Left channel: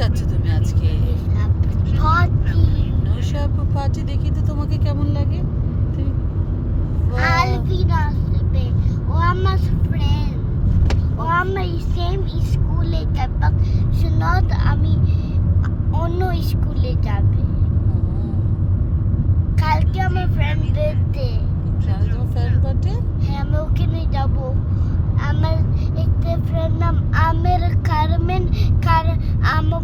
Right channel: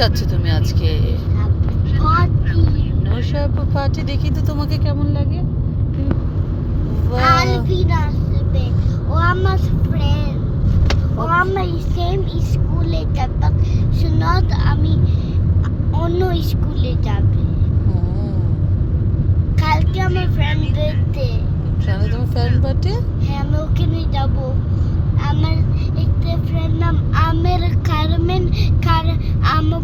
যাচ্ছ তুমি আজকে? নৈশাব পার্টি। দেখি তো তোমাকে কেমন লাগে। আলবিন আসবে, ও আমার ফ্রেন্ড, ও আমার সেম স্কুলে যাবে, সুনত আমি অন্য স্কুলে যাবে। কালকে আমার ফ্রেন্ড বার্থডে। তোমার ফ্রেন্ড বার্থডে? হ্যাঁ, আমি ওখানে যাব। আমার একটা ফ্রেন্ড নাম আমের কারমেন, আমার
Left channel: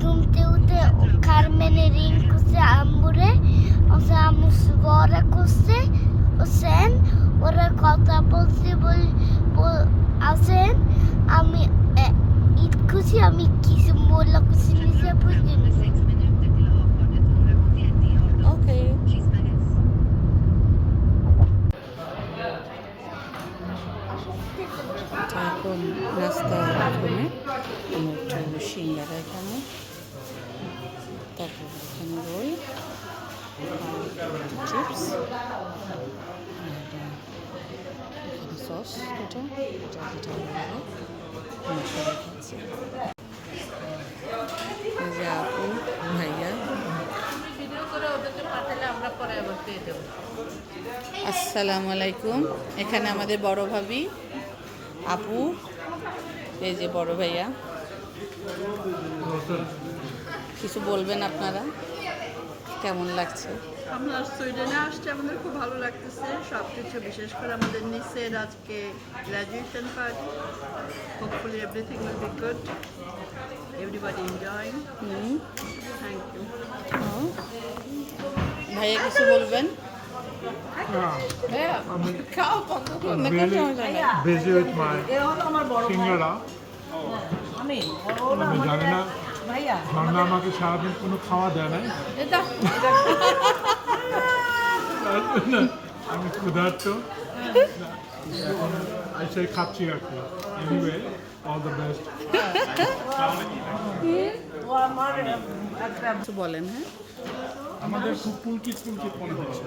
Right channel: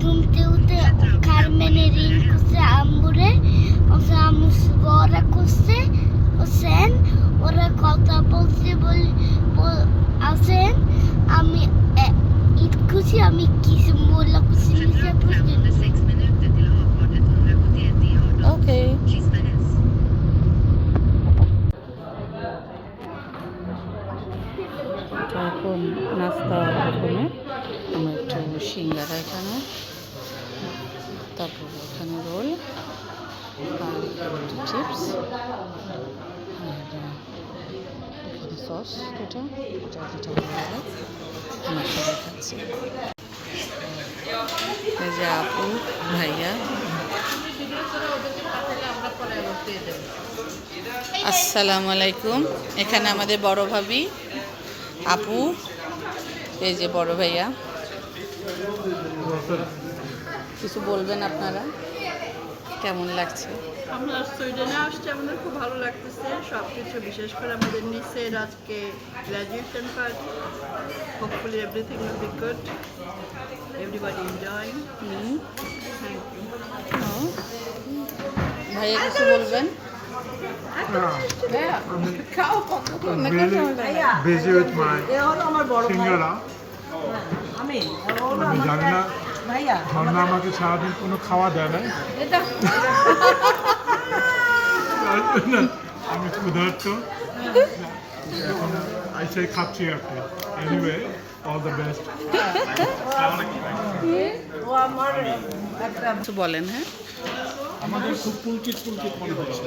ঘুমতে উঠে কারমেনের রিং করছে আম্বুরে, ওসে আমু বড়া করছে, ও সেন ওরা কথা বলছে আসেন আমি ঈদ খুশি, আমি কিছু মোল্লা খুশি নিতে পর্যন্ত। ওকে। এখন নাস্তা প্রথমে আমরা একটু সিঙ্গারা এখানে, তারপর এখানে রোল আর একটু চিপস, আর এখানে সস দুটা, এটা দুটা ভালো লাগে, আমরা সবাই খাচ্ছি। এই যে আপু ভাইয়া। আসসালামু আলাইকুম। এখানে আমাদের বড় ভাবি আপু, এই যে বড় ভাইয়া। কিছু বলবেন আপনারা, কেমন লাগছে? আমরা সুইডেনে আসছি, আমাদের খুব ভালো লাগতেছে সব কিছু, বিশেষ করে আমাদের নিচের আজকে graduation party. Hopefully everything will be good, everybody enjoy. Thank you. ভাইয়া কিছু বলবেন? I'm really busy with my সিঙ্গারা। আমি জানি না ঝর্ণা আমাকে সারাদিন কোনো খাওয়া দেয় না, আমি ক্ষুধার্ত, এখন এসে খাচ্ছি আর কি। Anyway, all the best. কিছু বলেন। হ্যাঁ, আমাদের খুব পুলকিত মনে হচ্ছে।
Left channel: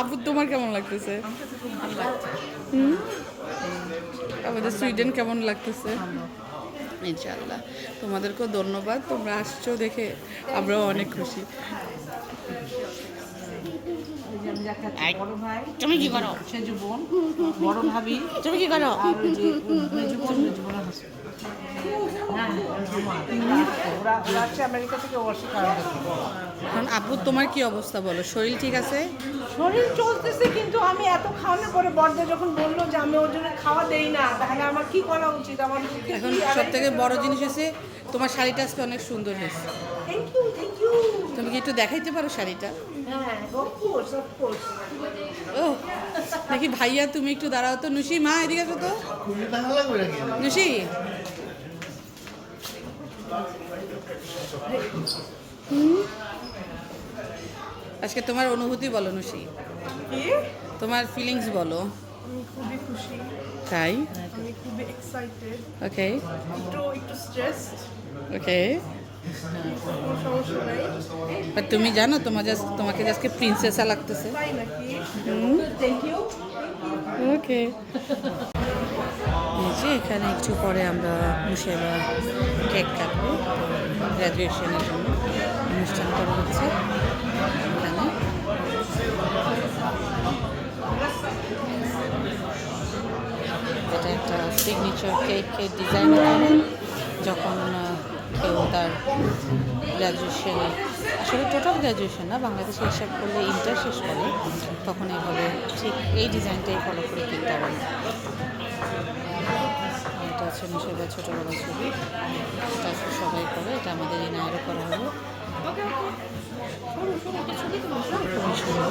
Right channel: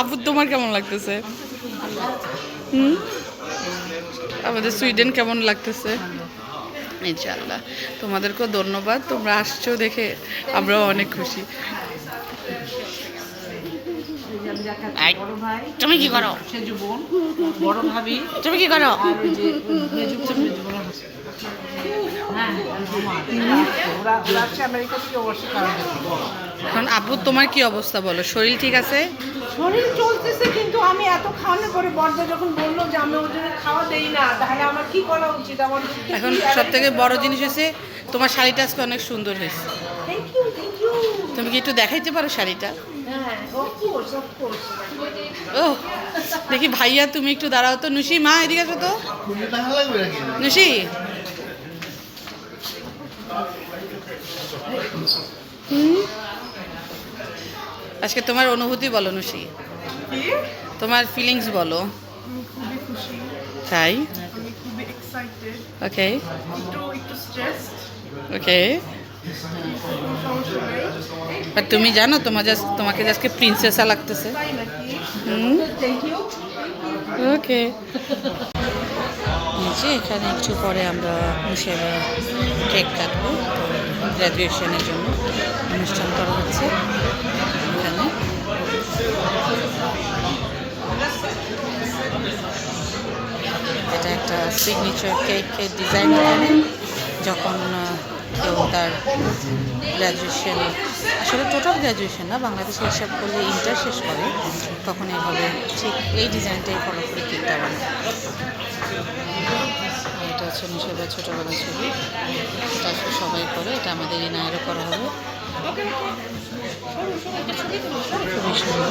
আপু তোমার কেমন লাগতেছে? আমাদের সুইডেন কেমন লাগতেছে? ইনশাআল্লাহ। তোমাদেরকেও ধন্যবাদ, তোমরা আসছো দেখে আমরাও অনেক খুশি। তুমি কি করো? বড় ভাবি, তুমি কি করো? আমেরিকা থেকে বসে কারণ এখন আপু তোমার কি অবস্থা বলো? শরীর ঠিক আছে? শরীর চলতেছে, কিন্তু আমি এত খাওয়ানোর পরে বড়দা যখন বললো যে আমি ওর জন্য খাওয়া দেই না, তাহলে আমার কি করা উচিত? আমার এখন সব থেকে বড় জিনিস হয়েছে তোমার শাড়িটা আজকে অনেক সুন্দর হয়েছে। Thank you, thank you. তুমি কি একটু দেখাইতে পারো শাড়িটা? হ্যাঁ, অফকোর্স, অফকোর্স। ও দেখি ভাইয়া, তুমি একটু দাঁড়াও তো। নুসি মা এদিকে আসো তো। নুসি, আজকে তোমার অনুভূতি বলো নুসি, তোমার ফিলিংস বলো। আমি খুবই খুশি, তাই? আমি খুবই এক্সাইটেড, ওকে একটু স্ট্রেসড, ওকে। সমস্যা নেই। আর তুমি জানো তোমাকে আজকে প্রিন্সেসা লাগতেছে। তাই নাকি? হুম, থ্যাংক ইউ। ওকে। নিচে এখানে একটু পরে আমরা মুসেবা কেক কাটবো, তো গ্র্যাজুয়েশনের জন্য অনুষ্ঠান করা হচ্ছে এখানে। এটা একটা সিগনেচার কেকের ডিজাইন। এখানে যখন কেউ তার গ্র্যাজুয়েশন, আসলে টোটাল গ্র্যাজুয়েশন না, বাংলাদেশে হিসাব করলে ইন্টার শেষ করে, তখন এইভাবে ঠিক এই ডিজাইনটাই ফলো করে কেকটা বানায়। এটা হচ্ছে মুসেবার ছোটোবেলার ছবি, এটা আসলে সবাই করে, এটা আমাদের ইনায়েরও করা হবে। খুবই সুন্দর।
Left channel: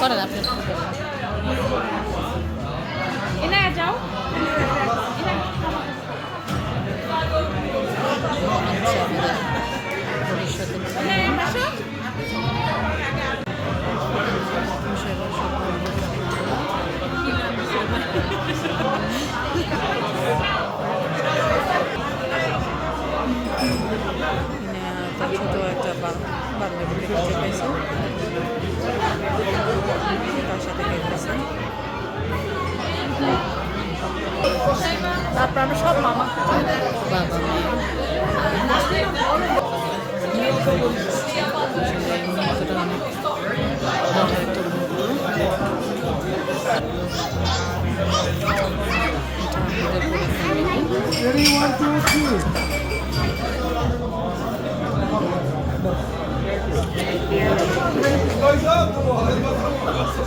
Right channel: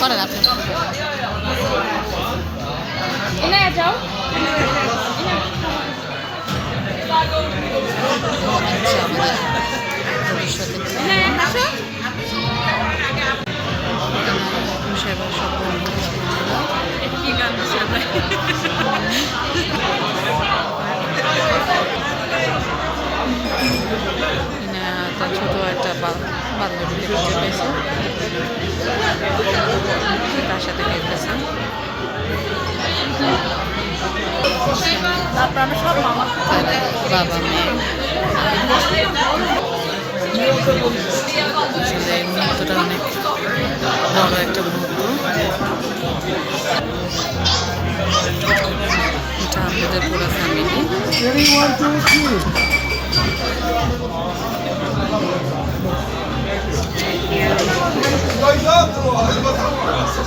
করেন আপনি। আচ্ছা, আমাদের ভবিষ্যতে সেবা সফল হচ্ছে। খুঁজে পেয়েছে, তার সাথে খেলতেছে। বাবা মেয়ে আসলে এই মুহূর্তটা অনেক বড় একটা মুহূর্ত। এটা আমাদের পুরো ফ্যামিলি। সবাই যাচ্ছে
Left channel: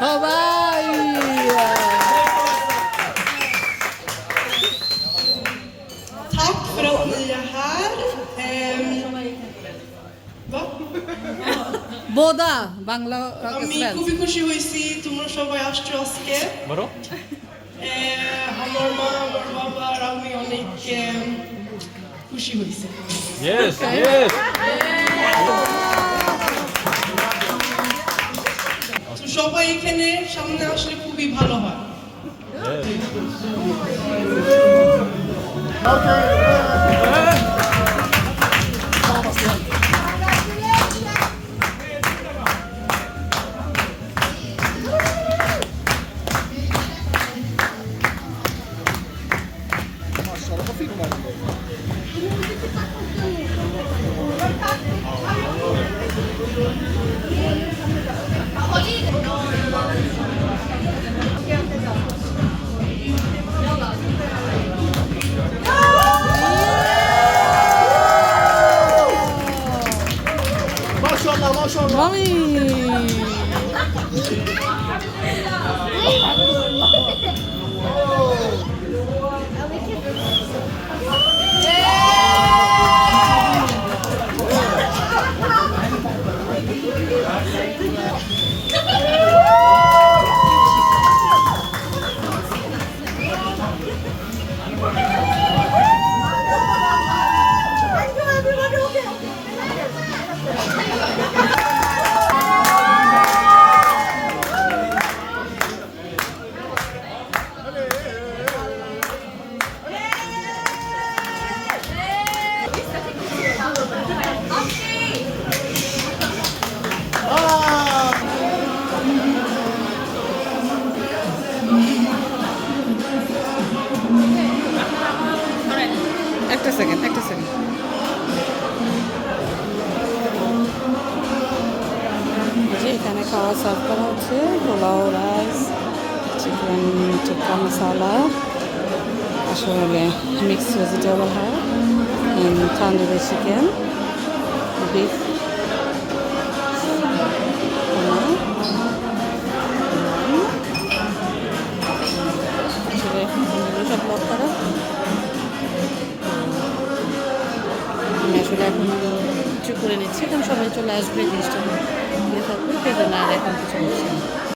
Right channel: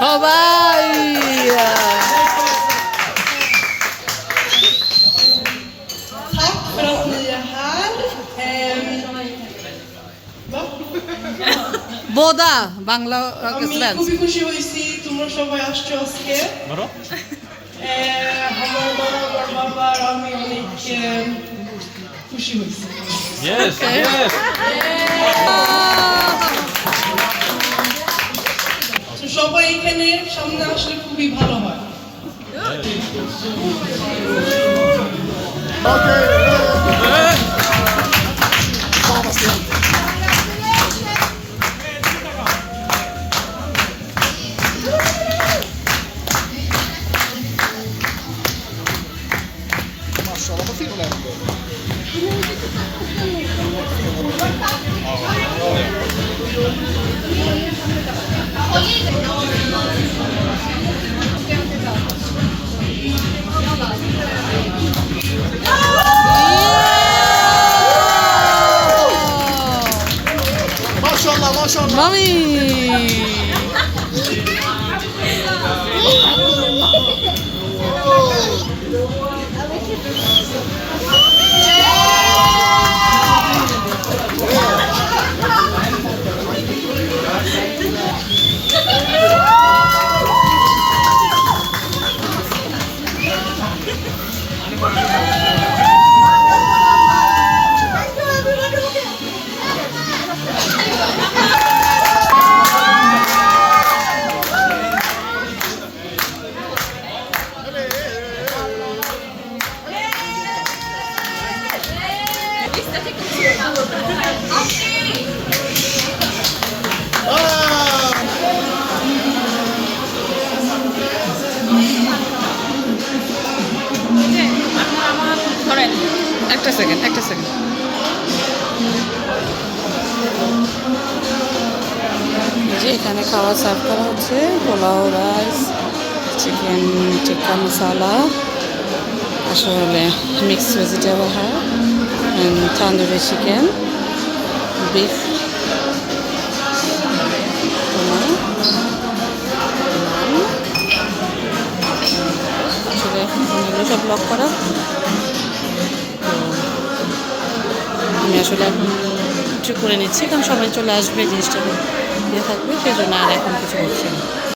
সবাই। Tack för att ni är här. Boda Bangla আমি svensk. খুবই খুশি হয়েছি তোমরা সবাই আসছো আজকে আমার মা আমার বাবা আর আমি অনেক খুশি হয়েছি Yes, yes. তো সবাই এখানে সামনে আসলে খুবই ভালো হয় মামি একটা সেকেন্ড যে এখানে খাওয়া সার্ভ করা হচ্ছে পোলাও রাইস চিকেন টিক্কা মশালা আসলে মিক্সড ভেজিটেবল হয় তান্দুরি চিকেন বিফ আসলে সব ব্লক করা আমি আসলে এখন একটু করে নিচ্ছি, কারণ সবাই চলে আসবে, জিনিসটা ইয়ে থাকবে, সেই জন্য আর এখন কিছু বলছি না।